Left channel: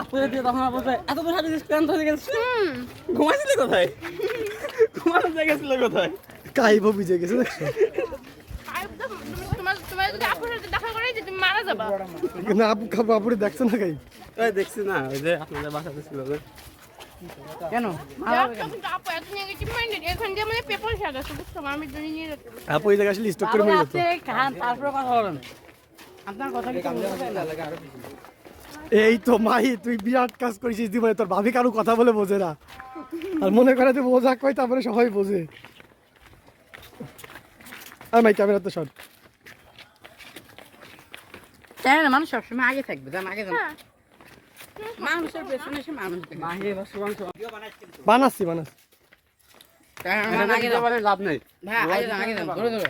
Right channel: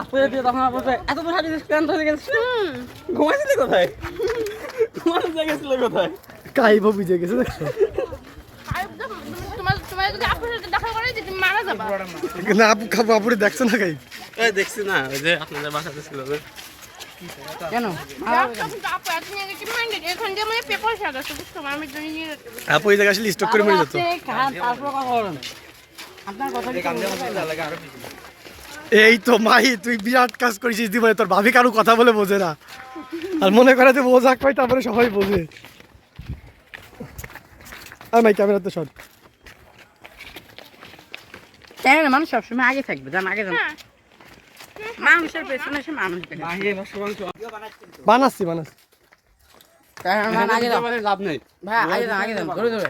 আপুরে দিয়ে তখন বলছে এত দূর হাঁটিস ক্লান্ত হয়ে গেছে। ঘুমাইছিলে কোথায়? ঘুমানোর জায়গা ছিল কোথায়? কাইব বুঝে গেছে দেখছো? না আপু খাবো আপুরে দেখছো না কাই? এই দেখছি না ওই যে আপনাদের বাসাতে ছিল না কেন? আপু এই জায়গা আসলে স্টক করে মরে যেত। তারপরে কথা বলেন আপনার কথা কি এই তো মাই তুই বিরাট কাজ করেছিস জীবনে, তোর ভাবি কারো কথা বলে বোঝে না আর মনে করে যে বোঝাক পাই তারপরে সবাই বোঝে। আর মাই ক্যামেরা তো শর্ট মানুষ সবসময় আগে থাকবে জান আগে যান মানুষের পেছনে এসে মানুষ বানাচ্ছি লাভ নেই ভাই আগে যান ধরে ধরে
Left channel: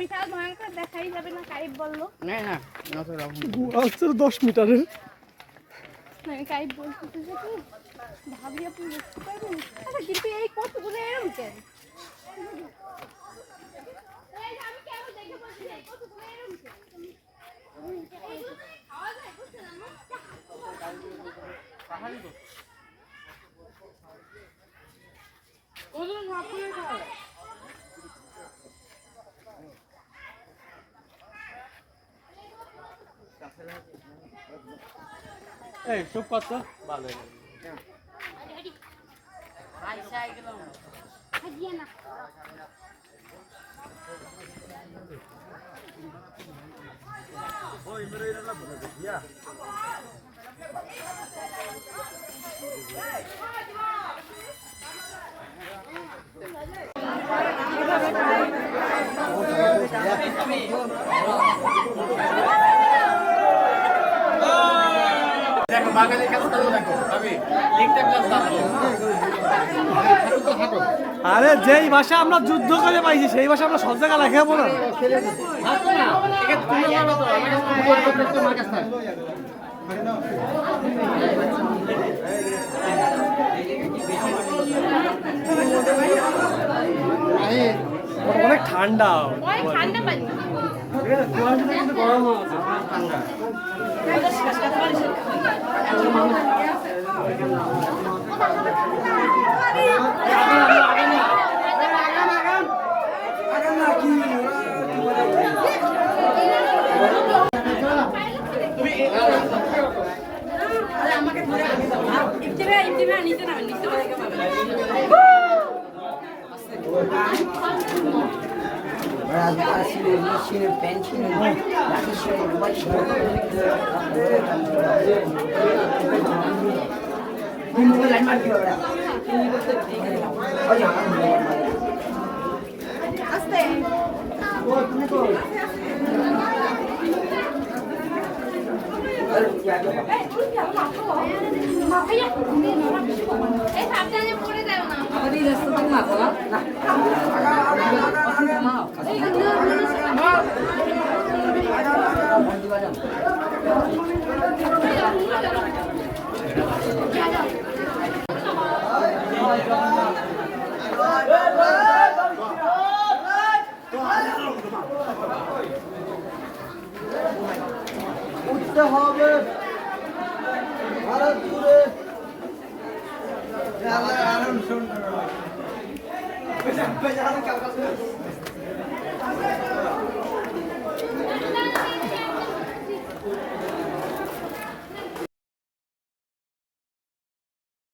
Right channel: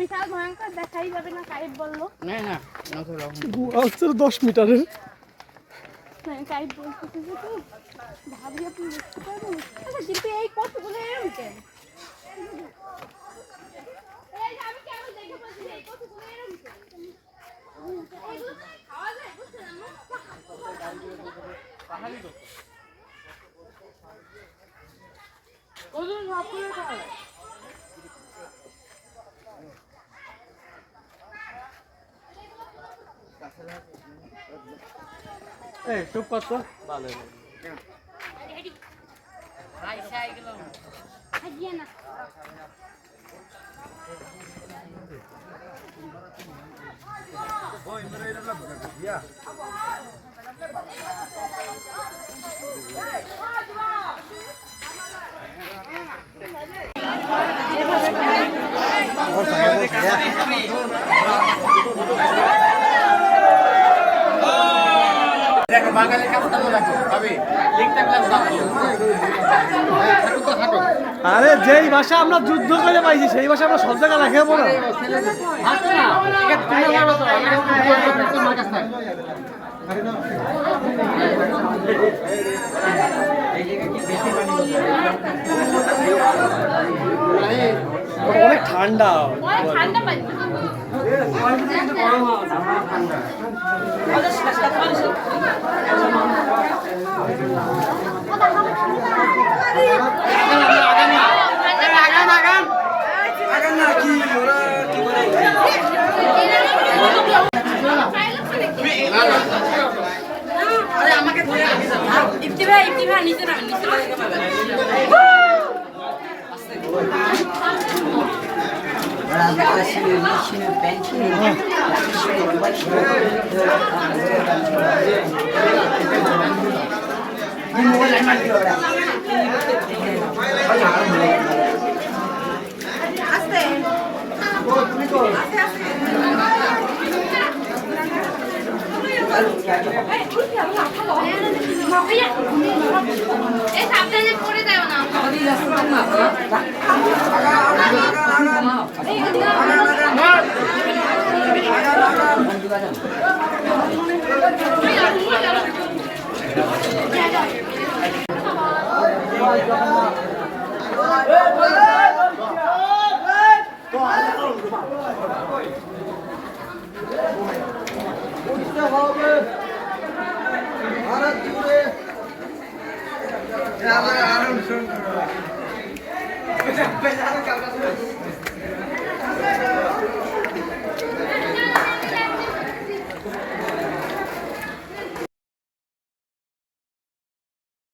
বিশাল ভয়ঙ্কর দেখাই যাবে না কাইব বললো না 10 মিটারের কাইব বলতেছে যে তো ভাবি আপনি বুঝতে পারবেন কিন্তু এই কতগুলো এরকম কেন এই আমি কেন দেখে বলছি এই কতগুলো এরকম কেন আওয়াজ হয় বুঝছেন আমি ওদের সাপুরে খায় এই চুপ কর তো ভালো আরে যেই ভাষা আমরা যুদ্ধ করে পাইছি সেই ভাষা আমরা সব জায়গায় লেখাবো না। অনেক ঠান্ডা সাবধানে পড়ে যাও না উঠতে হবে ভারত জুড়ে আরাম শুন